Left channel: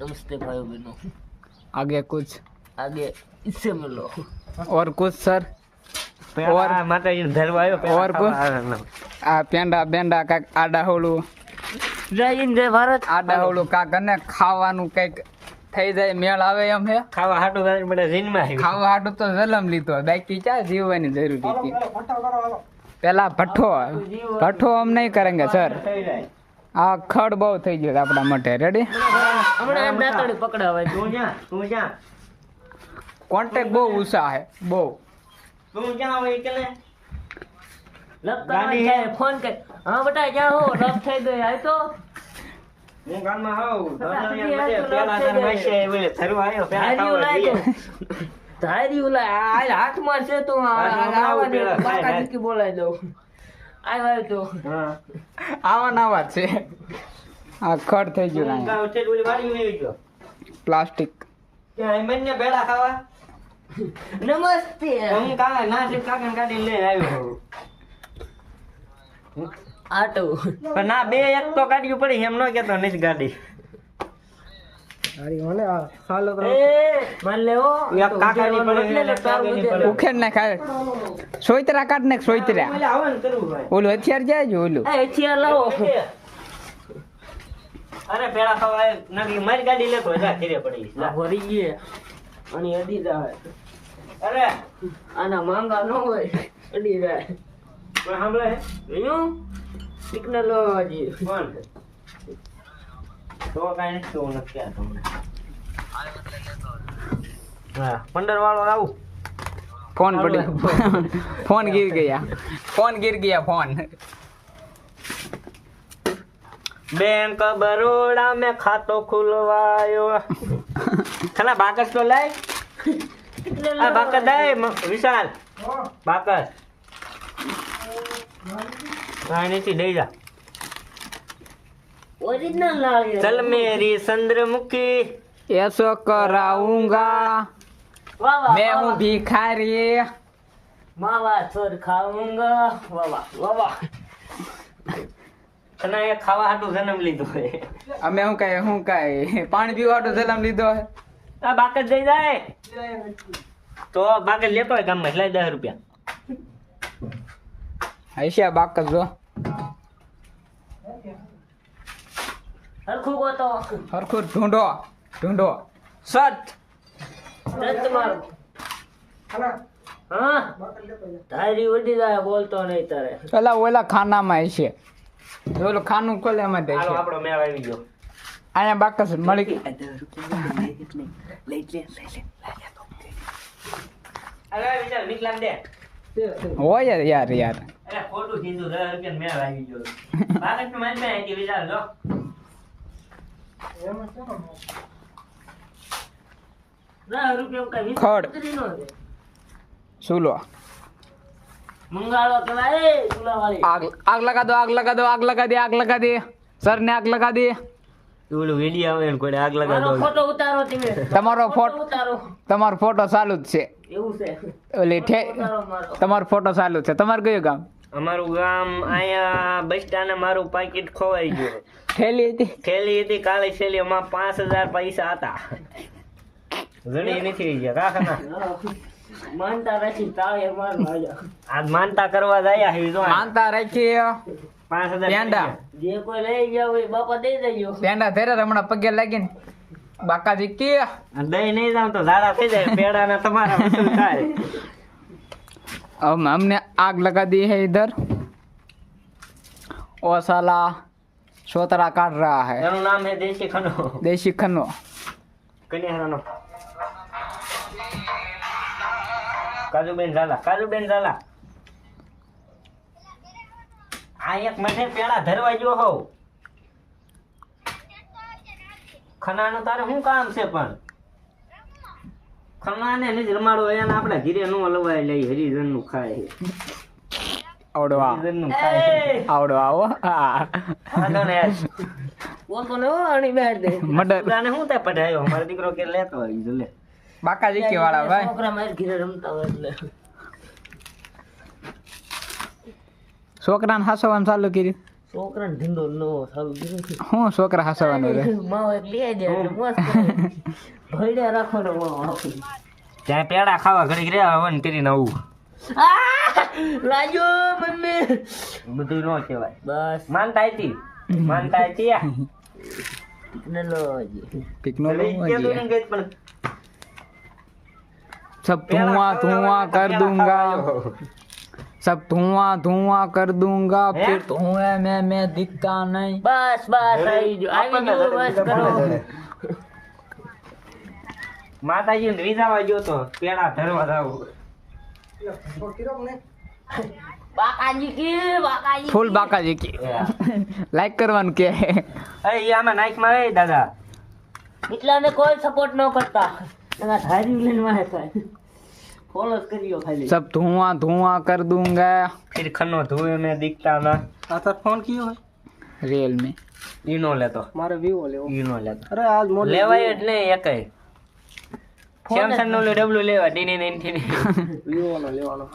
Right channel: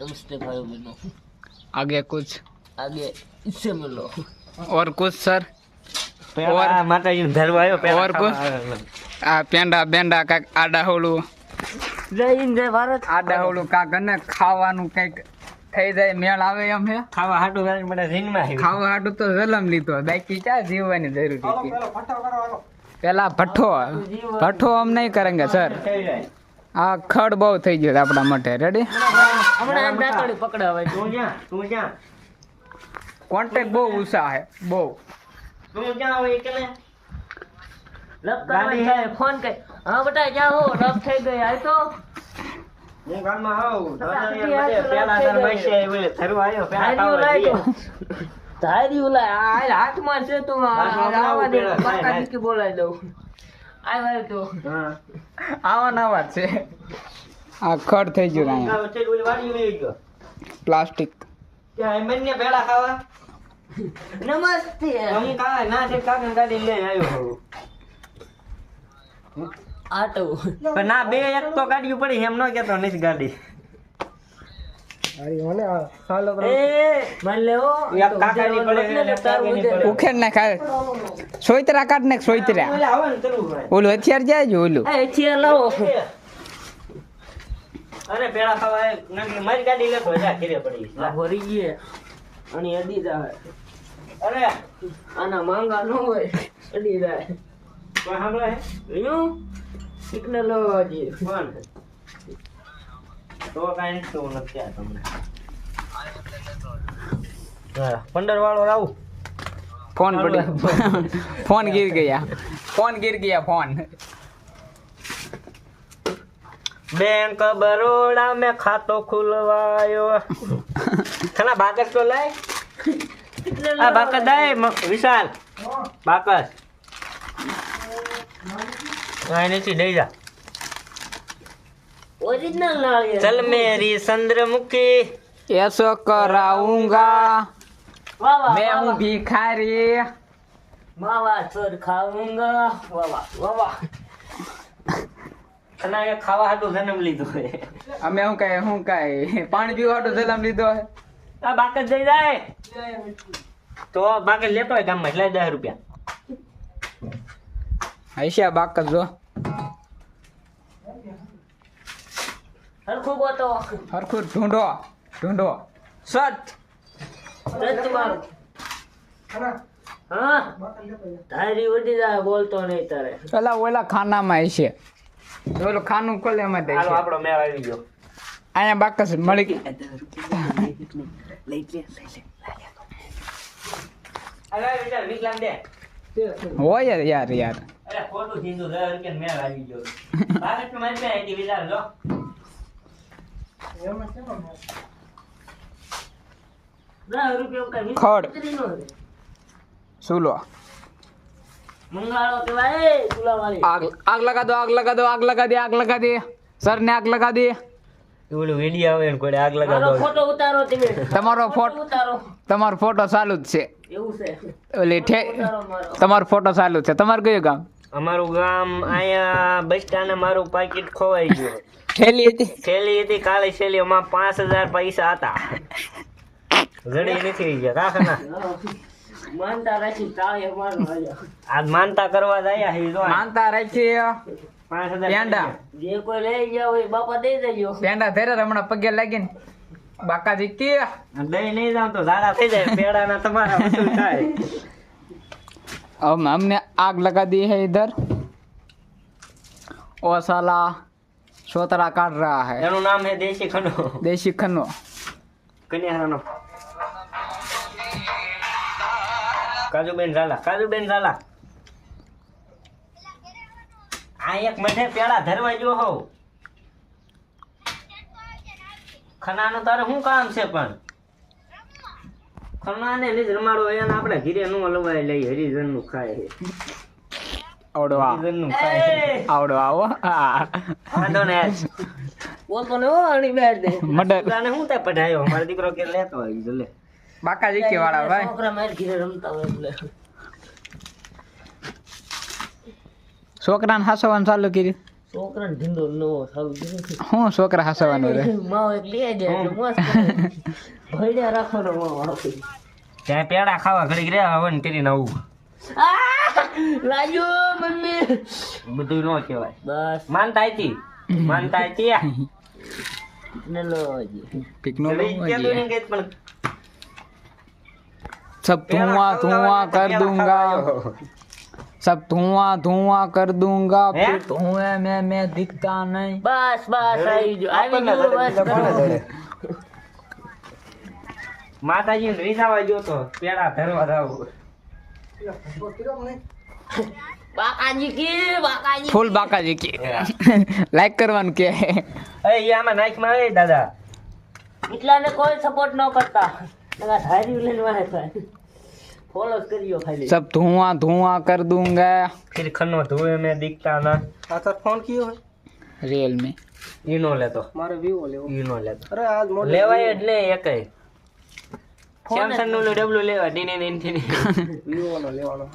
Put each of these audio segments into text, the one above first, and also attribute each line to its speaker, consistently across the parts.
Speaker 1: नमस्ते भाइयों बहनों
Speaker 2: आगे कुछ
Speaker 1: आगे इससे मिलो
Speaker 2: और कुछ सर और
Speaker 3: માતાજીને ધરવા આવ્યો પહેલા
Speaker 2: ઓર કોઈ?
Speaker 3: ખાવા આવ્યો.
Speaker 2: આ પેંડા બેંડા કાંઈક આડા હોલું
Speaker 1: जय हिंद जय भारत
Speaker 2: આડા હોલું કાંક અને ખાવાનું કંઈક થઈ જાય મેળ આવે એમ હે
Speaker 3: ખાવા હાટું મારી બધા જીનમાં છે.
Speaker 2: ખાવા હાટું તો જલમ લીધો બાકી ક્યાં જીવવાની જરૂર હતી પેલા ભઠ્ઠો ભઠ્ઠો હમ નહીં કરેંગે સર
Speaker 3: થઈ જાય.
Speaker 2: આ ખડ બહુ થઈ ગયો આપણા માટે. રેડી કોન્ટેક્ટ બહુ ઉષા હે બહુ.
Speaker 1: ફોન કર. હા બેટા હો રફ થઈ ગઈ તો.
Speaker 3: હું ગામમાં આવું પેલા તાર આવ્યો પેલા
Speaker 1: હાથમાં છે તું આ- આવા દે બોલાવી દઉં. આ તો.
Speaker 3: હા.
Speaker 2: આવા નવા જ છે. આ ખડ થઈ ગયું અહીંયા
Speaker 3: વચ્ચે ડોલી વાળી મેલી ગયો.
Speaker 2: પ્લાસ્ટિક.
Speaker 3: પેલા ખાવા.
Speaker 1: નમસ્તે.
Speaker 3: હું કાકા ના છે કાકા ગાડી લઈને આવ્યો
Speaker 1: આટો.
Speaker 3: પણ ના બે એક તો ગાડી પડી એમ ન કેતો નથી ગાડી.
Speaker 2: ઉખેડ સોયતરા કાઢ ને સોયતરા. ઓલું હથિયાર જાય છે ઓલું.
Speaker 1: હથિયાર લાવો
Speaker 3: અરે પેલા ખાવા આય, મારી ગાડી લેતો જા ઘરે પડી
Speaker 1: આ ભરી ગયે અને અડી જાય.
Speaker 3: અરે.
Speaker 1: આના માંગા ન હોય અડી જાય.
Speaker 3: કોઈ સાંભળે?
Speaker 1: સિગ્નલ
Speaker 3: કોણ? તો કાંઈ નથી કેવું નથી આ તમને. હા પંદર વાળો લાવું
Speaker 2: ફોન પડી. ફોન ગીર ગયા. ફોન ગીર ગયા ફોન.
Speaker 3: બેંક બરોડા મેં ખાતો ખુલવાયો. ખલા બાકસ તો લાય. આ બાકસ દાય વિશાલ. બાકસ. આ નથી દઈ જા.
Speaker 1: ઓરિજિનલ નાળિયેર
Speaker 3: ચલ મેરી ચંદ્રમુખી
Speaker 2: ऐसो कराऊंगा
Speaker 1: વાહ વાહ
Speaker 2: मैं हूँ भिखारी
Speaker 1: માવા છોડ ખાઉંગા વાહ વાહ વાહ વાહ
Speaker 3: અને એ ખાવા હાટું જન્મ લીધો હે
Speaker 2: અમે હું કઈ હું કઈ પાણી પીવા હાટુ જલમ લીધો હે
Speaker 3: આ બાકસ દઈ જાય તો બાકસ લેતો હોય ગામમાં એટલે દસ રૂપિયા
Speaker 2: હૈશા બાકસ જો
Speaker 1: હરખું ગોતો.
Speaker 2: હરખું ઢૂંઢો ઢૂંઢો.
Speaker 1: સત. માર. હા? તારી ઉડી જાય બોલતો નહીં તારે.
Speaker 2: પેલા ઓલા ખાનામાં છે ઓલું ખાનું ખોલે એમાં દે
Speaker 3: છે આપણો મેળ આવી ગયો.
Speaker 2: અહીંયા બાકસ મળી
Speaker 3: વિચાર નીકળામ દે
Speaker 2: હોય યાર યાર.
Speaker 3: અરે ખોટું કીધું રૂપિયા મેળ આવી ગયો. કે વિચાર જો
Speaker 2: ખડ. સુલો આગ આગ લગા દો આગ લગા દો આગ લગા દે આગ લગા દે. સર ને આગ લગા દે.
Speaker 3: ઓલું વીડિયો આવે ને કોઈ આગ
Speaker 1: મારો ફોટો ઉતારો તમે.
Speaker 2: તમારો ફોટો
Speaker 1: ઉતારો.
Speaker 2: તમારો ફોટો ચાલુ જ છે.
Speaker 1: એવું છે.
Speaker 2: ઓલી ઠે તમારો ફોટો ચાલુ છે. તમારું કયું ગામ?
Speaker 3: અમારું ગામ અહીંયા બસ સ્ટેન્ડ મારું પાકીટ ખોવાઈ ગયું.
Speaker 2: થેલી હતી
Speaker 3: થેલી હતી કાળી થેલી એમાં પાંચ હજાર પૈસા હતા જડી નથી ગયા કાકના
Speaker 1: માનતા રાખી તાળી મારવા આવ્યા.
Speaker 3: આજ માનતા કરવા જાય હે જો
Speaker 2: માનતા રાખી
Speaker 3: પાંચ હજાર
Speaker 2: પેંડા
Speaker 1: જે કોઈ લઈ ગયા હોય બાપા દઈ દેજો
Speaker 2: પેંડા ફેરે હમણાં પગે લાગી ને બાકાજી કે
Speaker 3: દઈ નહીં જાવ તો ઝાડા થઈ જાય પેડાના તમારા વસૂલ થાય
Speaker 2: अब हमने आग लगा दी है इधर और साला सोतरा काट रहा है
Speaker 3: એનું નામ છે દેશી ખનો
Speaker 2: देसी खन्नो
Speaker 3: કન્યાનો કાજુબેન ઝાલા કાજુબેન ઝાલા આ એક મઠે પેડા ધરવા ગયો હોવ ખનાનો તારે શું કામ છે પણ ખનાને લીજ રમાડો એને આપણે ઘીરે નો લવાય લઈ હરિજન નું ખાય
Speaker 1: આવડો આવડો
Speaker 2: છોકરાને હસવાનું ચાલુ કર્યું?
Speaker 1: છોકરાને ધીંધો નો
Speaker 2: હું છોકરા હસવાનું
Speaker 3: ત્યાં પેડા ખાવા ઘડીક રે તેરી નવું.
Speaker 1: લાગ્યો મમ્મી
Speaker 3: બધું નો કહેવાય
Speaker 1: બસ
Speaker 3: માનતા હતી માનતા હતી
Speaker 1: ને લો હજી.
Speaker 2: टेक्नोलॉजी सब धुआं धुआं कर दूंगा सब धुआं धुआं कर दूंगा फिर धुएं में मैं दिखता नहीं
Speaker 1: બસ બસ આવી ગયો આવી ગયો બસ કરો
Speaker 3: માતાજી રીઝાવા ગયો તો પેડા ધરવા જાવ
Speaker 1: બાકાજી કી બાકાજી
Speaker 2: ફૂલ બાકાજી કી. લાઈક કરવાનું કે.
Speaker 3: એ આમાં લાઈક મારે દાદા.
Speaker 1: એટલાને કોઈ સપોર્ટ ન કરતા. દાદા ધારી લઈને વાહે તો ફોલો કરિયો ખાલી.
Speaker 2: સબ ધુઆ ધુઆ કર દૂંગા.
Speaker 3: ફિર ખનો ધુએ મે દિખતા ના. આ તો ફોન કયો હે
Speaker 2: રિયલ મે
Speaker 3: ઈનો લેતો.
Speaker 4: મારે વિવો લેવો.
Speaker 3: લેવાય જ નહીં સેમસંગનું ડબલું લેવા
Speaker 4: વિવો નો લેવાનો.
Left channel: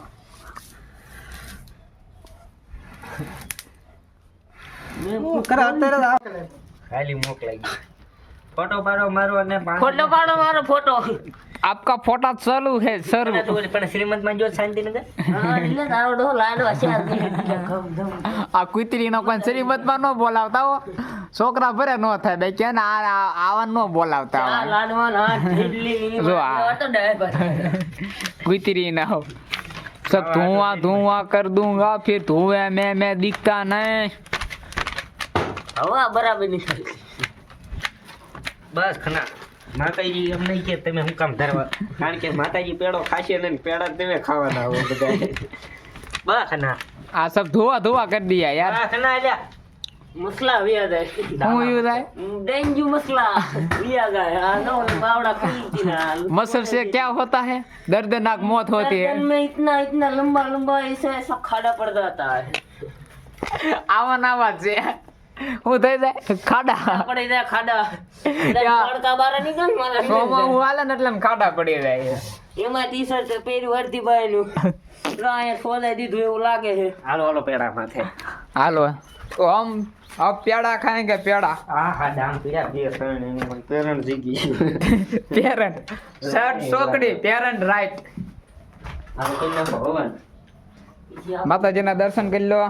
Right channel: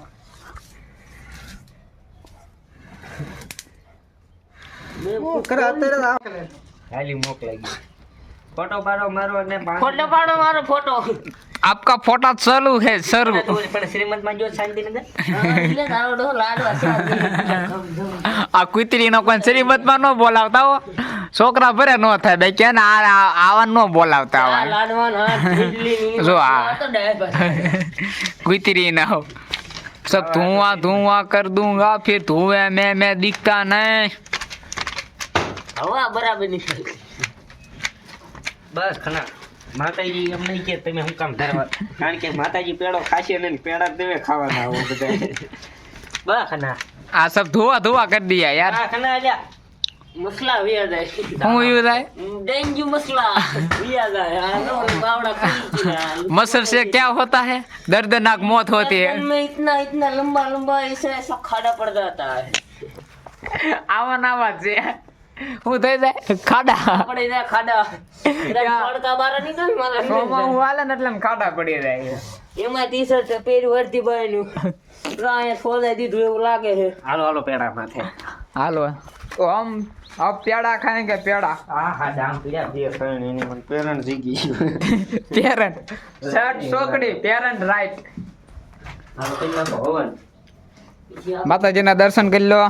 Speaker 4: અત્યારે જ આ-
Speaker 3: ખાલી મોક લાગી ફોટો પાડો મારો અને
Speaker 1: ફોટો પાડો મારો ફોટો.
Speaker 2: आपका फोटा चालू है सर
Speaker 3: પણ શ્રીમંત માં જો શાંતિનગર
Speaker 1: હા, એટલે તારો ડોહો લાડવા છે આજે. ધમ, ધમ.
Speaker 2: આ કુતરી નો કોઈ શ્રીમતમાં ન બોલાવતા હો છોકરા ભરે નો થાય બે કે ને આ આ- આવા ન બોલાવતા
Speaker 1: આ
Speaker 2: આવા
Speaker 1: લાડવા ના ઢીલી લીલી
Speaker 2: જો આ.
Speaker 1: આ તો ડાયબર.
Speaker 2: कुतरी ना हो सब धुआं धुआं कर दूंगा फिर धुएं में मैं दिखता नहीं
Speaker 1: હવા બરાબર ની થાય.
Speaker 3: બસ ખના માતાજી એમ નહીં કે તમે હું કામ ધરવા કારણ કે માતાજી પેડો ખાશે ને પેડા તમે ખાવાના હો બધા બસ ખના
Speaker 2: આ सब धुआं धुआं कर दिया यार
Speaker 3: આ ખના લ્યા
Speaker 1: મસલા વ્યા જાય
Speaker 2: હું યુ થાય
Speaker 1: ડેન્ગ્યુ મસલા વ્યા જાય આ નો બાવડા ખાઈ ગયા
Speaker 2: मसल से क्या होता है दर्दनाक मौत होती है
Speaker 1: बचपन में इतना इतना लंबा लंबा ऐसे ऐसा खाड़ा पड़ जाता है
Speaker 2: આવા નાવા છે હું થઈ જાય ખાડા
Speaker 1: પડી જાય ખાડા તડકા બાર નીકળ
Speaker 2: સોમાં
Speaker 1: મારા
Speaker 2: હું હાલે ને એટલે આમ ખાડા પડી જાય
Speaker 1: એમાં ટી શર્ટ પહેર્યું હરતી ભાઈ નું અહીંયા ખોદાઈ દીધું એવું લાગે છે
Speaker 3: હાલો હાલો પેડા માથે
Speaker 2: હાલો તો હમ अब पेड़ा खाएंगे पेड़ा
Speaker 3: હા હા દામ પીડા બે ત્રણ એની મને પેરણ જીગી ગયું
Speaker 2: पेरेंट शर्ट सोकड़ी पेरेंट राइट
Speaker 3: હાલો કઈ નાખો હવન
Speaker 2: માતાજીના દર્શન કરી લો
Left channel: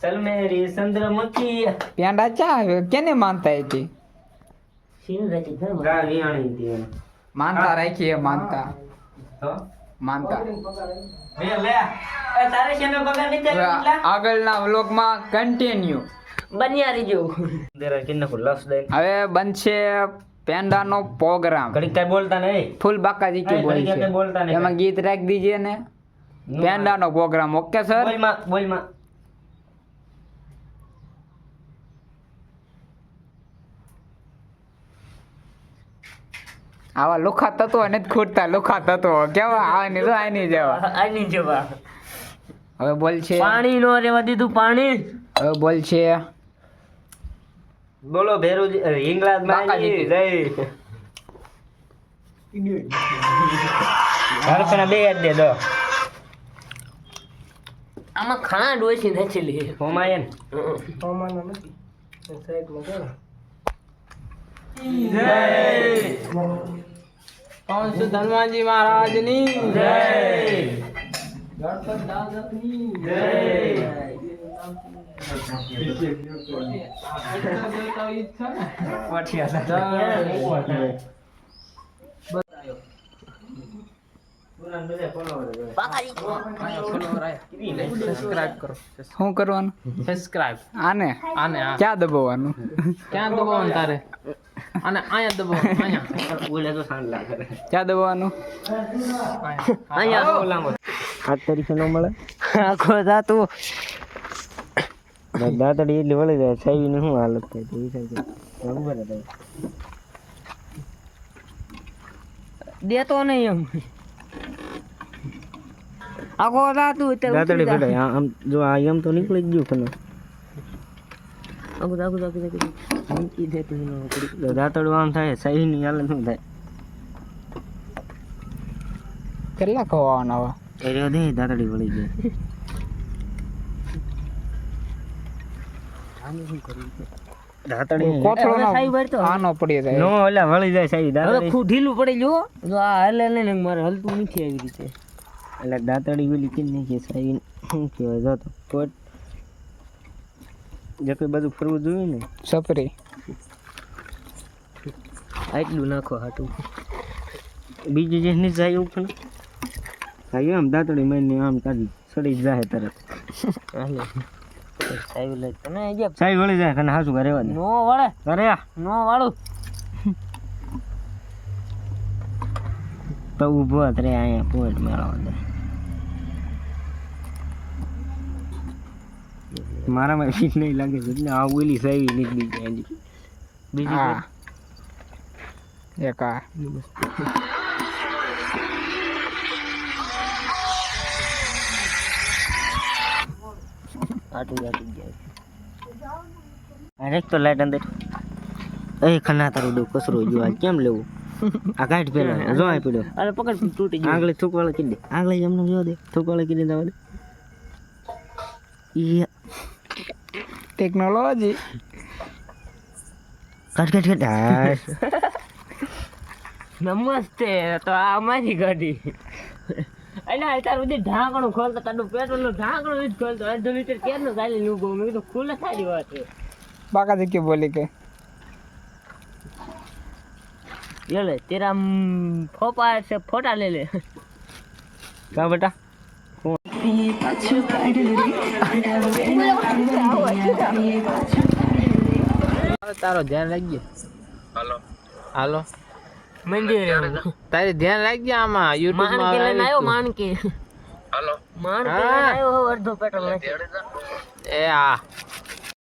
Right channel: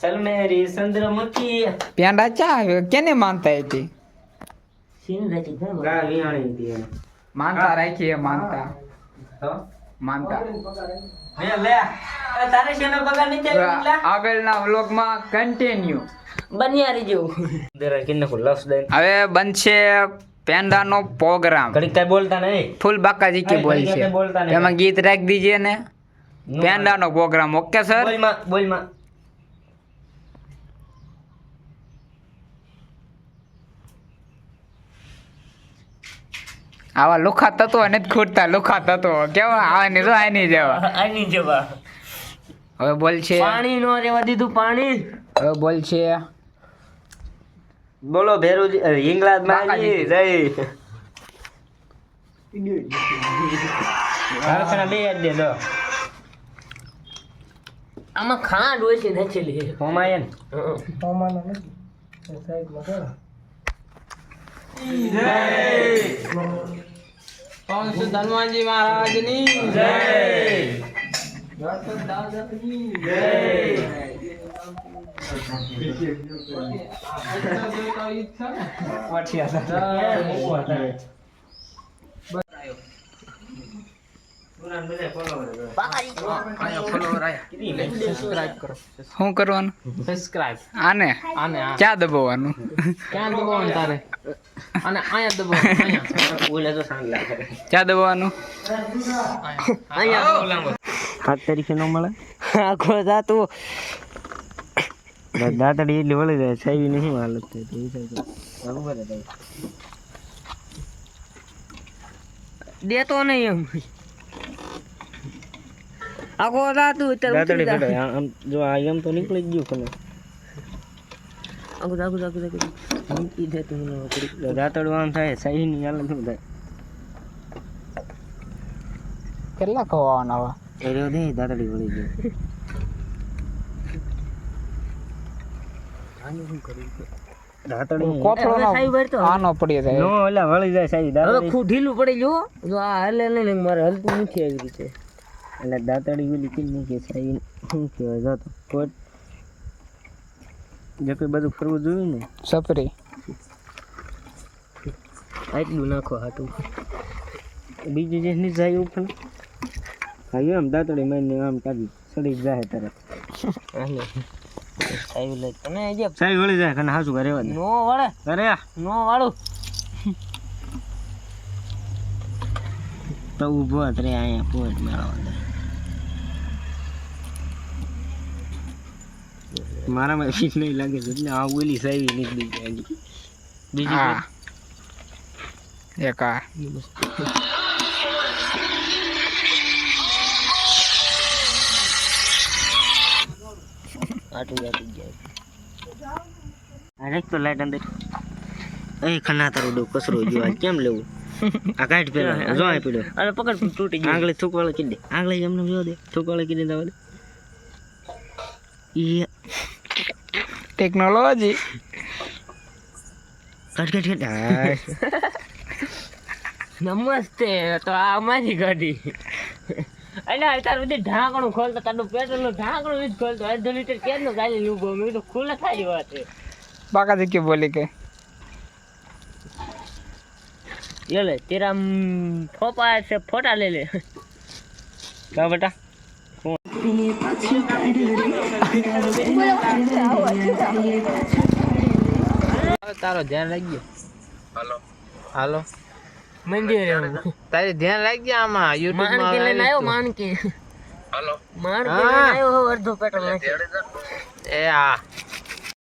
Speaker 3: ચલ મેરી ચંદ્રમુખી
Speaker 2: પેંડા ચા કેને માનતા હતી
Speaker 1: સિંધરાજી ઘર
Speaker 3: ગા વિયાણી હતી એમ.
Speaker 2: માનતા માનતા. માનતા.
Speaker 3: લે. એ તારે શેનો પગાર નથી
Speaker 2: હવે
Speaker 3: આવ્યો એટલા?
Speaker 2: આગળના વ્લોગમાં કન્ટિન્યુ
Speaker 1: બન્યા જેવું.
Speaker 3: જરા કિન્ને કો લસ દઈ
Speaker 2: હવે બનશે પેંડાનો પ્રોગ્રામ
Speaker 3: બોલતા નહીં.
Speaker 2: ફૂલ બાકાજી કે બોલ છે.
Speaker 3: કઈ બોલતા નહીં.
Speaker 2: એમાં ગીત રાખી દીજે ને. પેંડાનો પ્રોગ્રામ ઓકે સર
Speaker 3: બોલમાં
Speaker 2: આવા લુખા તત્વો નથી ખૂટતા લોખા તત્વો. કેવા? આવાની જો આની જવા?
Speaker 1: આની જવા.
Speaker 2: હવે બોલ છે.
Speaker 1: પાણી નો રેવા દીધું પાણી?
Speaker 2: હવે બોલ છે.
Speaker 3: બોલો ભેરુજી અ, હિંગળાજ જય. હરખના બે જ દે દો.
Speaker 1: આમાં ખાંડ ઓછી નથી લે
Speaker 3: હોમાયન.
Speaker 4: હોમાનો નથી. સાઈડમાં કરો. પવન શ્રી હનુમાનજી મહારાજની જય. ગણપત દાદાની કરો
Speaker 2: શું કરવાનું?
Speaker 4: સબસ્ક્રાઇબ
Speaker 2: આને?
Speaker 4: આને આ
Speaker 2: ક્યાં દબાવવાનું?
Speaker 4: ક્યાં દબાવવાનું તારે અને અહીંયા દબાવવાનું અહીંયા.
Speaker 3: બોલે તો સાંજ લાગે
Speaker 2: ક્યાં દબાવવાનું?
Speaker 1: અહીંયા.
Speaker 3: હાથ તરીકે ન મળે?
Speaker 1: આખો જાતું
Speaker 3: દાંતડી એટલી વળી જાય સાહેબની શું હાલત થાય? તો એ થાય ખબર જ
Speaker 1: દેતો નહીં એમ. આખો જાતું અત્યારે ઉતરી
Speaker 3: ફેટાય. આમ જો આ એમ તો નીકળી ગયું ખને
Speaker 1: આખું આખું આખું આખું મૂકી દે તું ન પડી.
Speaker 3: દાંતડું આમ થાય સાહેબની હાલત શું થાય.
Speaker 2: કેટલા ખવાના હવે?
Speaker 3: એ રહ્યો દે દાંતડી વળી જાય
Speaker 2: જાય.
Speaker 3: નો જાય
Speaker 1: ઢીલું પડી જો જો આ હલે ને મારે હલતું નથી આવી રીતે.
Speaker 3: એટલે દાંતડી ઓલી કીધી કે સાહેબ શું કહેવાય જતો કોટ. જે કંઈ બધું ફરવું જોયું ને?
Speaker 2: સપરી
Speaker 1: આટલું નાખો હાટું.
Speaker 3: બીજું જે નહીં જાય ઉપર ભાઈ આમ દાંતડી મારીને આમ કાઢી સડી જાય તરત.
Speaker 1: હાલે. સાહેબ લઈ તને
Speaker 3: સાહેબ વળી જાય કને હાસુ ઘરે
Speaker 1: નો વળે.
Speaker 3: ઘરે
Speaker 1: નો વાળું.
Speaker 3: તો ઊભો જ રે અહીંયા મેળવવા દે મારામાં ઠીક નહીં લાગે છે. એટલે આ ઓલી નીકળી જાય હજી. બીજી
Speaker 2: હા. એક આ.
Speaker 1: આટું આટું જાય.
Speaker 3: અરે તો લાઈટ અંદર. એ ખના તારું ડો કસરો જો કેમ લેવું? આ કાઢ પેલા જો આ પીડો.
Speaker 1: અરે પકડ તૂટી ગયું.
Speaker 3: આગળ થૂકવાળો કીધી આંગળી એમને જો દે થૂકવાળો કીધી દવા દે. ઈ
Speaker 2: ટેકનોલોજી
Speaker 3: કાઢ કાઢ કાઢ
Speaker 1: નમસ્તે તો આ અમારી ગાડી. અને અત્યારે બધી ઢાંકણું ખોલતો તારું પેટ્રોલનું ઢાંકણું જ ખોલતો. અડધો લીટર કેમ નું ગાલી નું મેં તો ખુલ્લે સારી વાત છે.
Speaker 2: બાકા કે બોલી કે?
Speaker 1: લે લે તેરા ફોપા છે ફોટા લે લે.
Speaker 3: કા બેટા?
Speaker 4: તારો ધ્યાન રાખજો. હાલો. હાલો.
Speaker 1: મંદિર
Speaker 4: તારે ધ્યાન રાખજે આમાં યુટ્યુબ
Speaker 1: માણકી લઈને આવ્યો માણકી.
Speaker 4: હાલો.
Speaker 1: માણકી લઈને આવ્યો અડધો પેટ્રોલ નાખી.
Speaker 4: એ હા